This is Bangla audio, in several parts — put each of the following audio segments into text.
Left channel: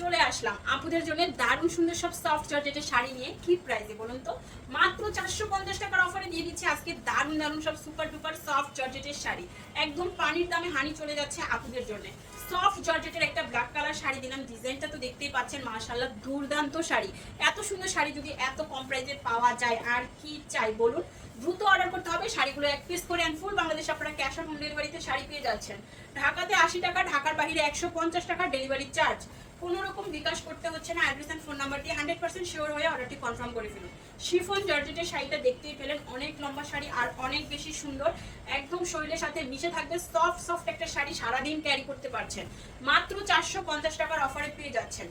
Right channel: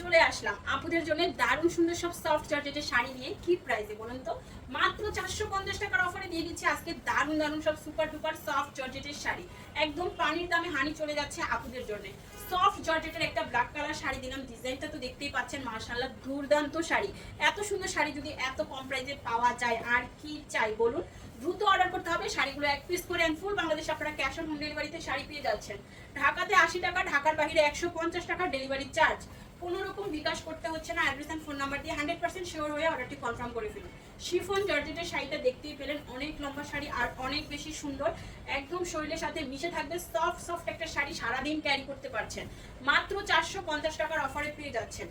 চলে আসলাম আপুদের জন্য দারুণ সুন্দর সব সফট জর্জেটের শাড়ি নিয়ে। কি প্রাইসে বলুন তো? মাত্র 450 টাকার অফারে দিয়ে দিচ্ছি আজকে দারুণ দারুণ সব সুপার ডুপার সফট জর্জেটের শাড়ি। একদম পানির দামে হানি চলে যাচ্ছে আপুদের জন্য। সফট জর্জেটের একটা ব্ল্যাক কালার শাড়ি দিলাম, ডিজাইনটা তো দেখতেই পাচ্ছেন, মাশাআল্লাহ দুর্দান্ত শাড়ি। এত সুন্দর শাড়ি যদি এত কম প্রাইসে পাওয়া যায় আর কি চাই বলুন। দ্রুত অর্ডার করতে হবে। শাড়িগুলো এক পিস করে ফুল বাংলাদেশ আপনারা ক্যাশ অন হোম ডেলিভারিতে শাড়ি পেয়ে যাচ্ছেন। ঢাকাতে 80 টাকা, ঢাকার বাইরে 150 টাকা ডেলিভারি চার্জ। কোনো রকম বিকাশ করতে হচ্ছে না। অ্যাড্রেস এন্ড ফোন নাম্বার দিয়ে 100% শিওর হয়ে অর্ডারটি কনফার্ম করে ফেলুন। শিফন জর্জেটের শাড়িটা দেখতেই পেলেন, অনেক লম্বা শাড়ি আর অনেক বেশি সুন্দর। একদম শরীরের সাথে মিশে থাকবে, সফট সফট একটা শাড়ি, সারাদিন ক্যারি করতে পারছেন। মাত্র 450 টাকার অফারে পেয়ে যাচ্ছেন।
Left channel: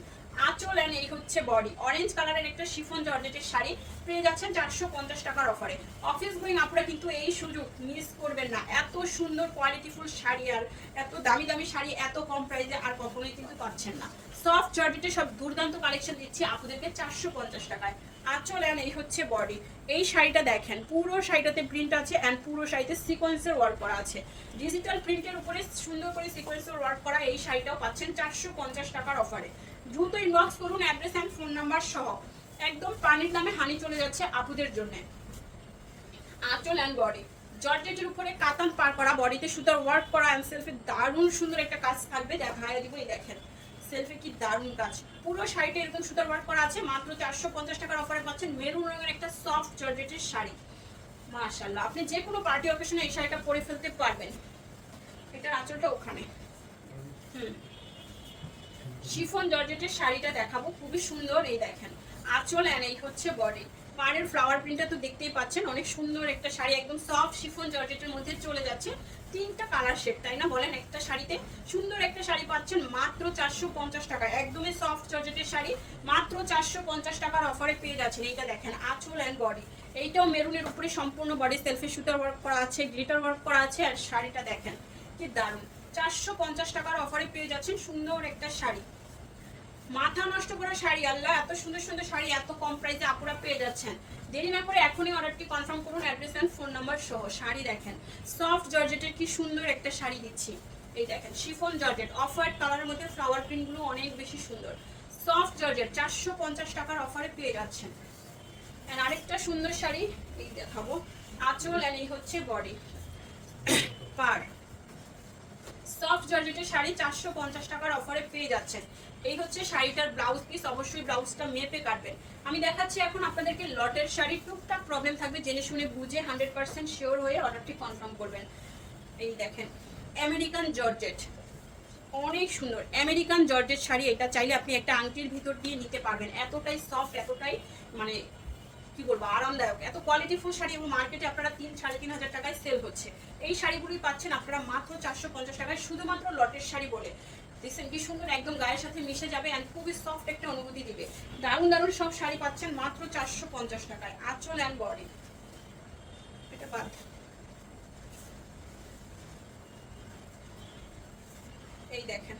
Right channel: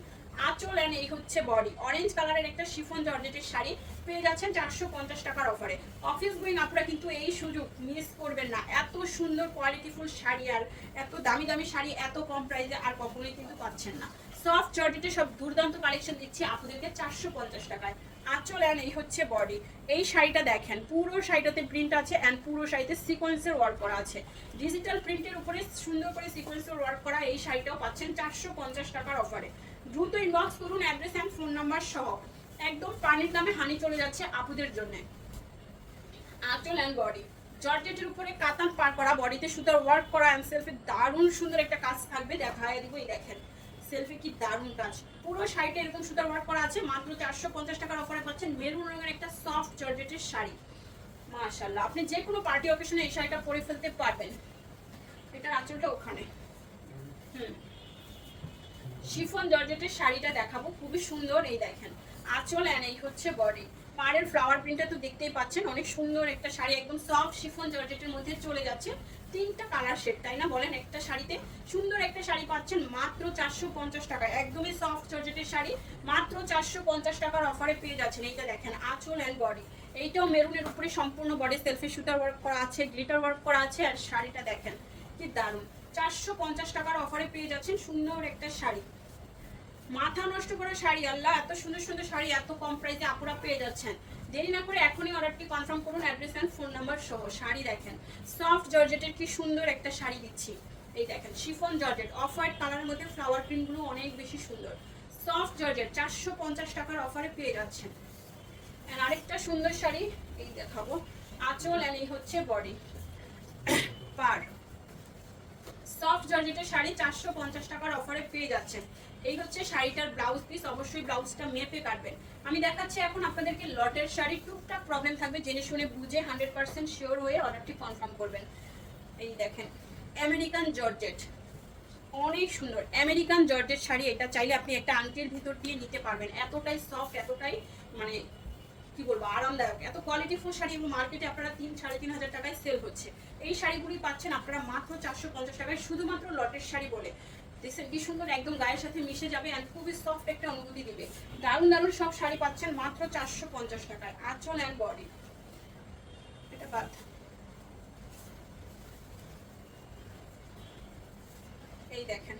আঁচল এন্ড এই হচ্ছে বডি। অরেঞ্জ কালারের একটা শিফন জর্জেটের শাড়ি পেয়ে যাচ্ছেন 450 টাকার অফারে। অফিস গোয়িং আপনারা কিন্তু এই সুযোগ মিস করবেন না। এত সুন্দর কোয়ালিটিফুল শাড়ি আর এত দামি দামি শাড়ি এত কম প্রাইসে আর কখনোই কিন্তু পাচ্ছেন না। সফট জর্জেটের সব দুর্দান্ত কালেকশন দিচ্ছি আপনাদেরকে 450 টাকায়। আঁচল এন্ড এই হচ্ছে বডি। এই শাড়িটা দেখেন, পুরো শাড়িটাতে প্রিন্ট আছে এন্ড পুরো শাড়িতে সিকোয়েন্সের ওয়ার্ক করা আছে। ডিজিটাল প্রিন্টের উপরে সুন্দর করে সিকোয়েন্সের ওয়ার্ক করা এই শাড়িটাও পাচ্ছেন 450 টাকার অফারে। দ্রুত ইনবক্স করুন অ্যাড্রেস এন্ড ফোন নাম্বার সহ। একদম পানির দামে হানি চলে যাচ্ছে আপুদের জন্য। আঁচল এন্ড বডি জর্জেটের উপরে কাতান পার করা, বডিতে সুতার ওয়ার্ক করা এন্ড সেলফে দারুণ সুন্দর একটা কাজ থাকবে। দেখায় দিব, এই দেখেন সেলফে কি দারুণ কাজ। পুরো শাড়িতে এরকম সুতার ওয়ার্ক করা আছে। মাত্র 450 টাকার অফারে পাচ্ছেন মেরুন রঙের একটা সফট জর্জেটের শাড়ি। মাশাআল্লাহ, আপনি যে কোনো পার্টি অকেশনে এই শাড়িটা পরে ফেলতে পারবেন। এটার আঁচলটা ওখানে। শিফন জর্জেটের শাড়িটা দেখাবো, খুবই সুন্দর। এই দেখেন আঁচল এন্ড এই হচ্ছে বডি। পাড়ের ফ্লাওয়ার প্রিন্টটা তো দেখতেই পাচ্ছেন, অনেক সুন্দর একটা শাড়ি, একদম সফট শিফন জর্জেটের মধ্যে চলে যাচ্ছে। তিনটা কালার শেড, তাই না বলেন? একটা শাড়িতে সুন্দর একটা শাড়ি পাচ্ছেন মাত্র 450 টাকা। একদমই সফট জর্জেটের শাড়ি মাত্র 450 টাকার অফারে পেয়ে যাচ্ছেন। এইটা দেখেন আঁচল এন্ড বডি। এইটাও মেরুনের উপরে সম্পূর্ণ বডি সেলফি সুতার ওয়ার্ক করা আছে, গ্লিটার ওয়ার্ক করা আছে। আর শাড়িটা দেখেন কি দারুণ, 450 টাকার অফারে পেয়ে যাচ্ছেন সুন্দর একটা শাড়ি। মাথা নষ্ট করা শাড়ি, আল্লাহ এত সুন্দর সুন্দর শাড়ি এত কম প্রাইসে আপুরা পেয়ে যাচ্ছেন। দেরি না করে এখনই অর্ডারটি কনফার্ম করুন অ্যাড্রেস এন্ড ফোন নাম্বার সহ। শাড়ি দেখেন সফট জর্জেটের কি সুন্দর একটা শাড়ি দিচ্ছি। এই দেখেন শিফন জর্জেট, অফ হোয়াইট কালারের মধ্যে ফ্লাওয়ার প্রিন্টগুলো অনেক বেশি সুন্দর। সফট জর্জেট 450 টাকার অফারে পেয়ে যাচ্ছেন। এন্ড আরেকটা সুন্দর শাড়ি এই দেখাবো। আঁচল এন্ড এই হচ্ছে বডি। পার সফট জর্জেটের শাড়ি 450 টাকার অফারে পেয়ে যাচ্ছেন। এই হচ্ছে শাড়িটার ব্লাউজ পিস। অবশ্যই ব্লাউজটা মেপে কাটবেন। আমি দেখাচ্ছি এখন আপনাদেরকে লটের শাড়ি। টুকটাক প্রবলেম থাকবে, জেনে শুনে বুঝে 100% শিওর হয়ে অর্ডারটি কনফার্ম করবেন। এই দেখেন আমেরিকান জর্জেট, অনেক সুন্দর আমেরিকান জর্জেট শাড়ি। এটা চাইলে আপনি একটা আংটির ভিতর দিয়ে নিতে পারবেন। এতটাই সফট, এতটাই মানে কি বলবো আরামদায়ক, এত কোয়ালিটিফুল শাড়ি। এবং মার্কেটে আপনারা 3-3,500 টাকায় সেল হচ্ছে। এই শাড়িগুলি পাচ্ছেন আপনারা মাত্র 450 টাকায়, শুধুমাত্র লটের শাড়ি বলে। দেখছেন কি সুন্দর, একদম গায়ের সাথে মিশে যাবে এন্ড খুবই সফট একটা অনুভূতি দিবে। দারুণ দারুণ সব শাড়ি পাচ্ছেন মাত্র 450 টাকায়। আঁচল এন্ড বডি। এটা বাদ, এই দেখেন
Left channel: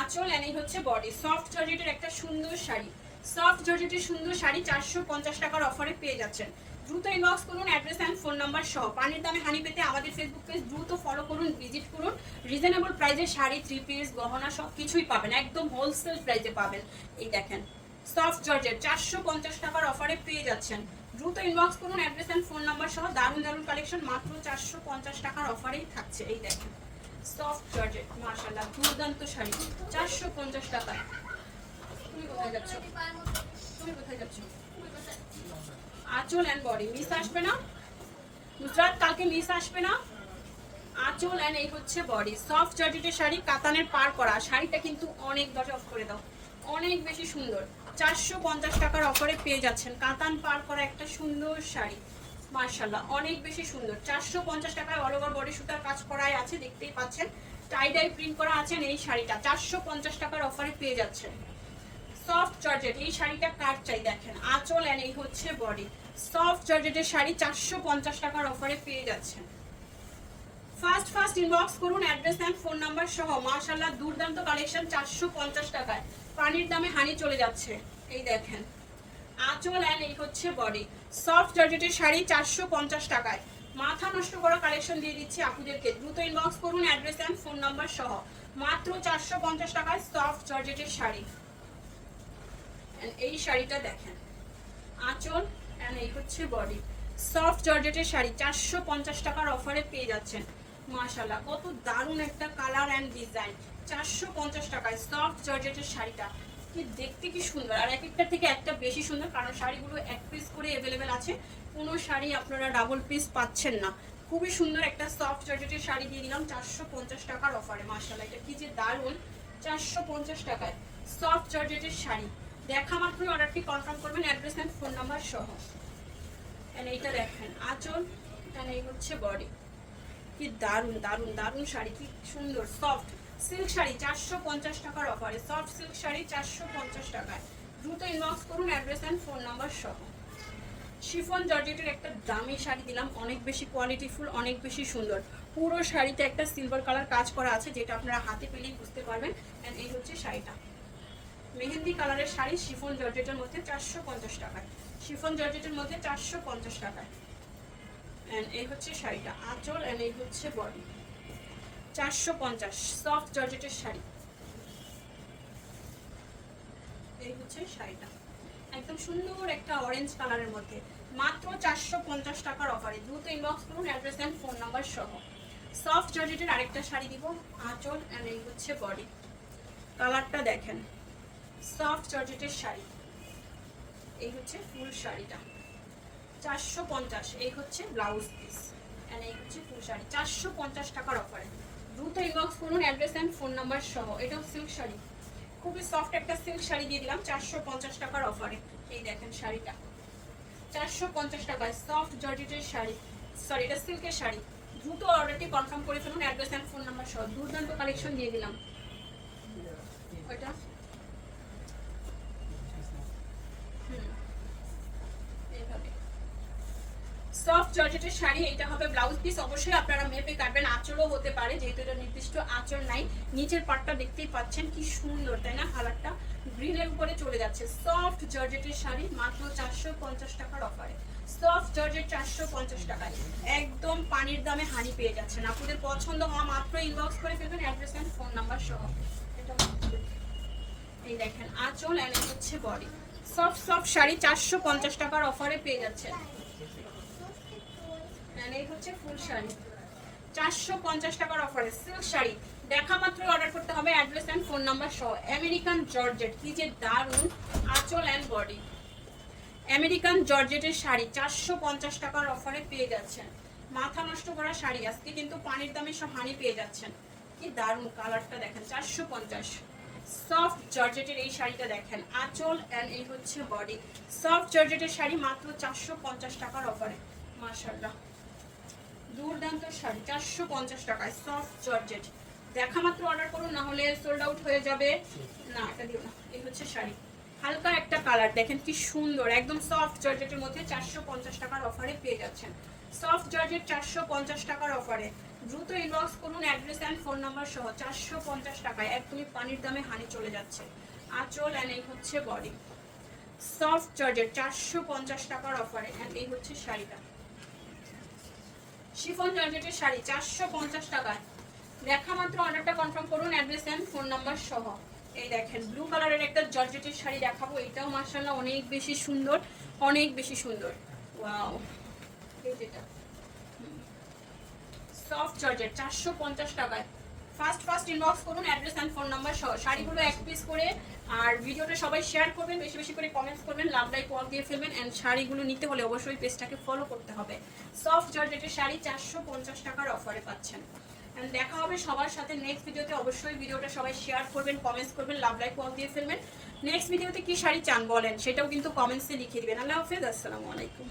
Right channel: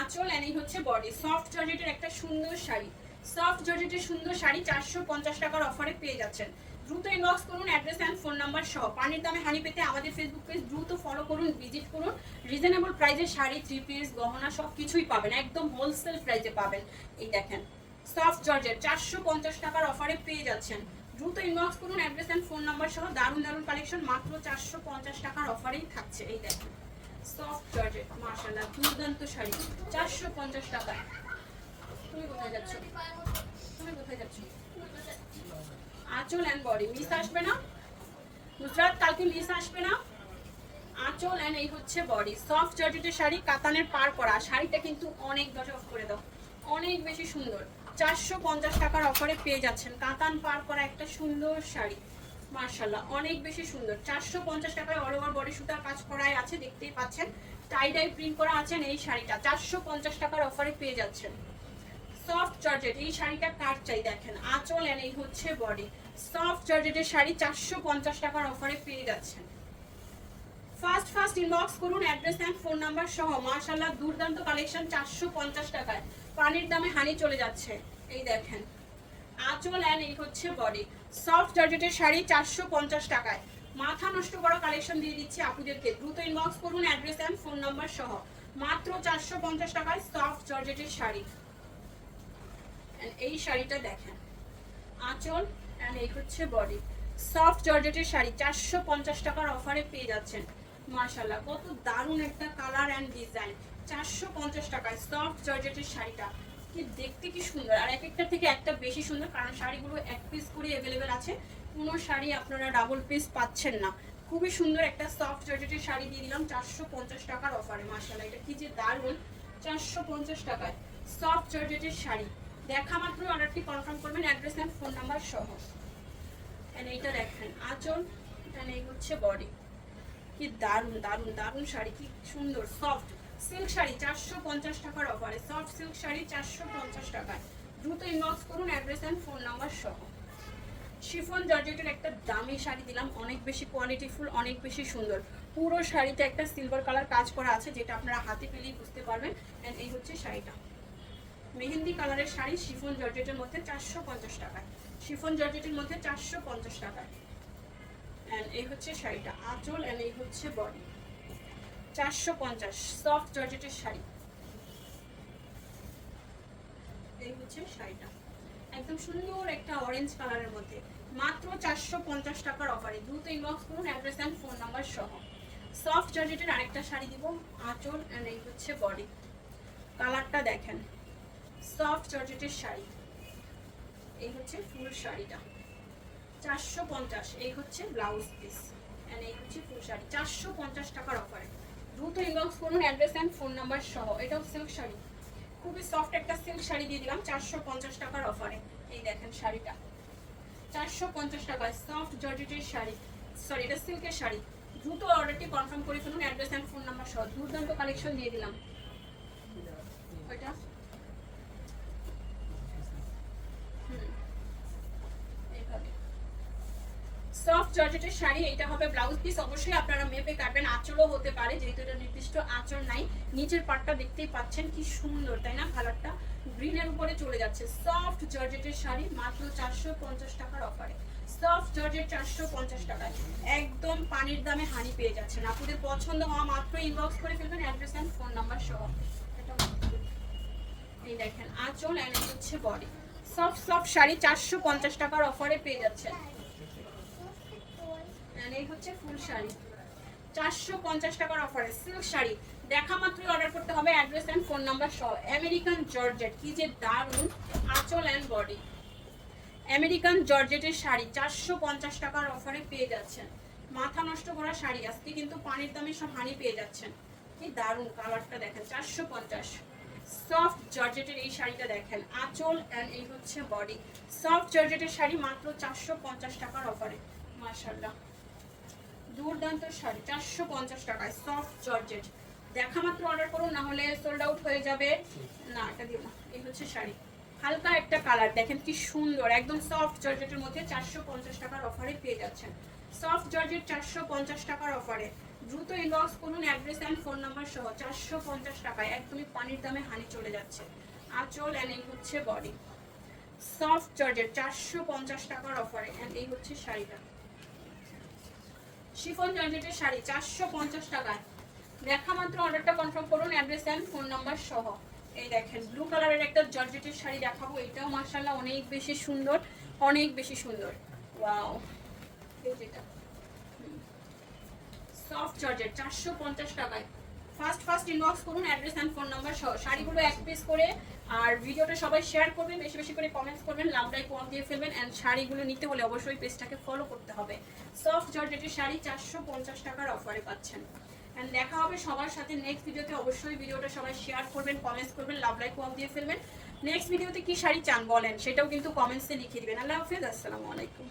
আঁচল এন্ড এই হচ্ছে বডি। সফট জর্জেটের একটা সুন্দর শাড়ি, সফট জর্জেটের সুন্দর শাড়ি 450 টাকার অফারে পেয়ে যাচ্ছেন। দ্রুত ইনবক্স করুন অ্যাড্রেস এন্ড ফোন নাম্বার সহ। পানির দামে হানি পেতে আমাদের ফেসবুক পেজ দ্রুত ফলো করুন, ভিজিট করুন। রিজনেবল প্রাইসে শাড়ি, থ্রি পিস, গহনা সব কিছুই পাবেন, একদম হোলসেল প্রাইসে পাবেন। এই দেখেন সফট জর্জেট 450 টাকার অফারে পেয়ে যাচ্ছেন। দ্রুত ইনবক্স করুন অ্যাড্রেস এন্ড ফোন নাম্বার সহ। দারুণ দারুণ কালেকশন মাত্র 450 টাকার অফারেই থাকছে। এই দেখেন সফট জর্জেট, মাশাআল্লাহ দুর্দান্ত শাড়ি 450 টাকা। তুমি কোথায় যাচ্ছ? তুমি কোথায় যাচ্ছ? আঁচল এন্ড বডি মিস আসবে না নুসরাত, কালকে মিস আসবে না। আঁচল এন্ড এই হচ্ছে বডি। সফট জর্জেটের শাড়ি, কাতানের পার করা। শাড়িটা কিন্তু অনেক, দশ অফ করে দাও, অনেক বেশি সুন্দর। 450 টাকার অফারে পেয়ে যাচ্ছেন কাতান পার করা একটা সুন্দর শাড়ি। মার্শাল্লাহ অনেক বেশি সুন্দর। 450 টাকায় অল ওভার বডি সুতার কাজ করাই আছে, দেখতেই পাচ্ছেন। টাই ডাই প্রিন্ট করা আছেন। এই শাড়িটা 450 টাকার অফারে পেয়ে যাচ্ছেন। সফট জর্জেট, এই শাড়িটা কাট চাই দেখেন। আঁচল এন্ড এই হচ্ছে বডি। সফট জর্জেটের শাড়ি 450 টাকার অফারে পেয়ে যাচ্ছেন। ফার্স্ট ফার্স্ট ইনবক্স করুন অ্যাড্রেস এন্ড ফোন নাম্বার সহ। মাশাআল্লাহ দুর্দান্ত কালেকশন 450 টাকায়। পানির দামে হানি চলে যাচ্ছে। এই দেখেন আঁচল এন্ড এই হচ্ছে বডি। সফট জর্জেটের শাড়ি 450 টাকায়। মাথা নষ্ট করা কালেকশন দিয়ে দিচ্ছি আপুদেরকে। দ্রুত ইনবক্স করুন অ্যাড্রেস এন্ড ফোন নাম্বার সহ। মাত্র 450 টাকায় সফট জর্জেটের শাড়ি। এই শাড়িটা দেখেন, আঁচল এন্ড এই হচ্ছে বডি। সফট জর্জেটের শাড়ি 450 টাকার অফারে পেয়ে যাচ্ছেন। মাশাআল্লাহ, কত দারুণ একটা কালার এন্ড ডিজাইন। 450 টাকায় সফট জর্জেটের শাড়িটা কি দেখতে কি সুন্দর, আর এক একটা থেকে একটা বেশি সুন্দর, কারণ শাড়িগুলো এক পিস করে অ্যাভেলেবেল আছে, কোনো শাড়ি আপনারা ডাবল পিস পাচ্ছেন না। খুবই সুন্দর একটা সফট জর্জেটের শাড়ি দিয়ে দিলাম 450 টাকার অফারে। মাশাআল্লাহ, এটা কি যে দারুণ। 450 টাকায় সফট জর্জেটের শাড়ি। দেখা মাত্রই অর্ডারটি কনফার্ম করবেন, অ্যাড্রেস এন্ড ফোন নাম্বার সহ। এন্ড এইটা দেখেন আঁচল, এন্ড এই হচ্ছে বডি। কি দারুণ দারুণ দারুণ শাড়ি, কি সুন্দর সফট সিল্ক শাড়ি 450 টাকার অফারে। সফট সিল্ক শাড়ি 450 টাকায়। দ্রুত ইনবক্স করুন, অ্যাড্রেস এন্ড ফোন নাম্বার সহ। শিফন জর্জেটের একটা দামি শাড়ি দিলাম, অনেক বেশি কোয়ালিটিফুল, অনেক বেশি সুন্দর। পুরো শাড়িতে একটা সিলভার কালার কাজ করা আছে, যেটা আপনারা হাতে পেলেই বুঝতে পারবেন। এন্ড এই হচ্ছে শাড়িটা, মেহেন্দি কালারের শাড়ি শিফন জর্জেটের মধ্যে 450 টাকায়। শিফন জর্জেটের মধ্যে 450 টাকায়। এন্ড এই হচ্ছে শাড়িটা, আঁচল এন্ড এই হচ্ছে বডি। 450 সফট জর্জেটের শাড়ি। এই হচ্ছে শাড়িটা, একদম সুন্দর একটা অরেঞ্জ কালারের মধ্যে, মাত্র 450 টাকার অফারে। দ্রুত ইনবক্স করুন, অ্যাড্রেস এন্ড ফোন নাম্বার সহ। সফট জর্জেটের আরেকটা শাড়ি দিব, আঁচল এন্ড এই হচ্ছে বডি। কালারটা দেখেন, সফট জর্জেটের শাড়ি। এই হচ্ছে ফুল শাড়িটা 450। এই হচ্ছে ব্লাউজ পিস এন্ড এই হচ্ছে ফুল শাড়ি 450 টাকার অফারে। দ্রুত ইনবক্স করুন, অ্যাড্রেস এন্ড ফোন নাম্বার সহ। এটাও সিল্ক শাড়ি, খুবই সফট একটা সিল্ক শাড়ি দিয়ে দিলাম 450 টাকার অফারে। এই দেখেন শাড়িটা 450 টাকায় সফট জর্জেটের শাড়ি, সরি এটা সিল্কের শাড়ি। দ্রুত অর্ডারটি কনফার্ম করে ফেলুন, অ্যাড্রেস এন্ড ফোন নাম্বার সহ। দুর্দান্ত কালেকশন দিয়ে দিলাম। ওইটা সফট জর্জেটের শাড়ি, এটা হবে ব্লাউজ পিস। অবশ্যই আপনারা মেপে কাটবেন, আঁচলও হতে পারে, যেহেতু এটা নির্দিষ্ট আঁচল নাই। নিচের পাটটা দেখতেই পাচ্ছেন কি সুন্দর, তাই না? কালারটা গ্রিনের উপরে চলে যাচ্ছে। সফট জর্জেটের শাড়ি মাত্র 450 টাকার অফারে। সফট জর্জেট 450 টাকায়, একদম পানির দামে হানি পেয়ে যাচ্ছেন। আপনাদের পছন্দ হওয়া মাত্র ইনবক্স করে ফেলবেন, অ্যাড্রেস এন্ড ফোন নাম্বার সহ। এটা এই দেখেন আঁচল এন্ড এই হচ্ছে বডি। সফট সফট শাড়ি 450 টাকার অফারে পেয়ে যাচ্ছেন। এই হচ্ছে ফুল শাড়ি 450 টাকার অফারে। সিল্ক শাড়ি দেখা মাত্র অর্ডার করতে হবে, অ্যাড্রেস এন্ড ফোন নাম্বার সহ। আমেরিকান জর্জেট, কি যে দারুন আঁচল এন্ড বডি। আমেরিকান জর্জেটের শাড়ি 450 টাকার অফারে পেয়ে যাচ্ছেন। মাথা নষ্ট করা শাড়ি, আজকে কিন্তু পানির দামে সব হানি পেয়ে যাচ্ছেন। কি দারুন কালারটা দেখেন, 450। সফট জর্জেটের এই শাড়িটা দেখেন, আঁচল এন্ড এই হচ্ছে বডি। সফট জর্জেটের শাড়ি মাত্র 450 টাকার অফারে। মাশাআল্লাহ, দুর্দান্ত শাড়ি 450 টাকায় সফট জর্জেট। দেখা মাত্র অর্ডার করুন, না হলে সোল্ড আউট হয়ে যাবে। না এটা দিব। এই হচ্ছে শাড়ি, হালকা একটা কালার দেখেন কি সুন্দর, একদম সফট জর্জেটের মধ্যে 450 টাকার অফারে পেয়ে যাচ্ছেন। সফট জর্জেট 450 টাকার অফারে। দ্রুত ইনবক্স করুন, অ্যাড্রেস এন্ড ফোন নাম্বার সহ। 450 টাকায় একদমই পানির দামে হানি চলে যাচ্ছে। আঁচল এন্ড এই হচ্ছে বডি। সফট জর্জেট 450 টাকার অফারে। এন্ড এই হচ্ছে শাড়িটা, শিফন জর্জেটের শাড়ি 450 টাকায়। দেখা মাত্র অর্ডারটা কনফার্ম করুন, অ্যাড্রেস এন্ড ফোন নাম্বার সহ। এই দেখেন ব্লু কালারের একটা জর্জেটের শাড়ি দেখাবো, এটাও মাশাআল্লাহ অনেক বেশি সুন্দর, অনেক বেশি সুন্দর। ওয়াও, এই যেটা সফট জর্জেট 450 টাকায়। ফার্স্ট ইনবক্স করুন, অ্যাড্রেস এন্ড ফোন নাম্বার সহ। শাড়িগুলো এক পিস করে, আর ভিডিওটা সবাই শেয়ার করবেন, বেশি বেশি করে কমেন্টস করবেন, লাভ লাইক ওয়াল দিয়ে ফেলবেন। এন্ড শাড়িগুলো নিতে হলে অবশ্যই পেজটাকে ফলো করতে হবে। সফট জর্জেটের শাড়ি 450 টাকার অফারে পাচ্ছেন। এন্ড দেখা হবে সবার সাথে নেক্সট ভিডিওতে। অবশ্যই ভিডিওটা সবাই শেয়ার করবেন, কমেন্টস করবেন, লাভ লাইক ওয়াল দিয়ে ফেলবেন। নেক্সট ভিডিওতে কি শাড়ি চান বলেন, সেটাও কিন্তু কমেন্টসে লিখে দিবেন। আল্লাহ হাফেজ, আসসালামু আলাইকুম।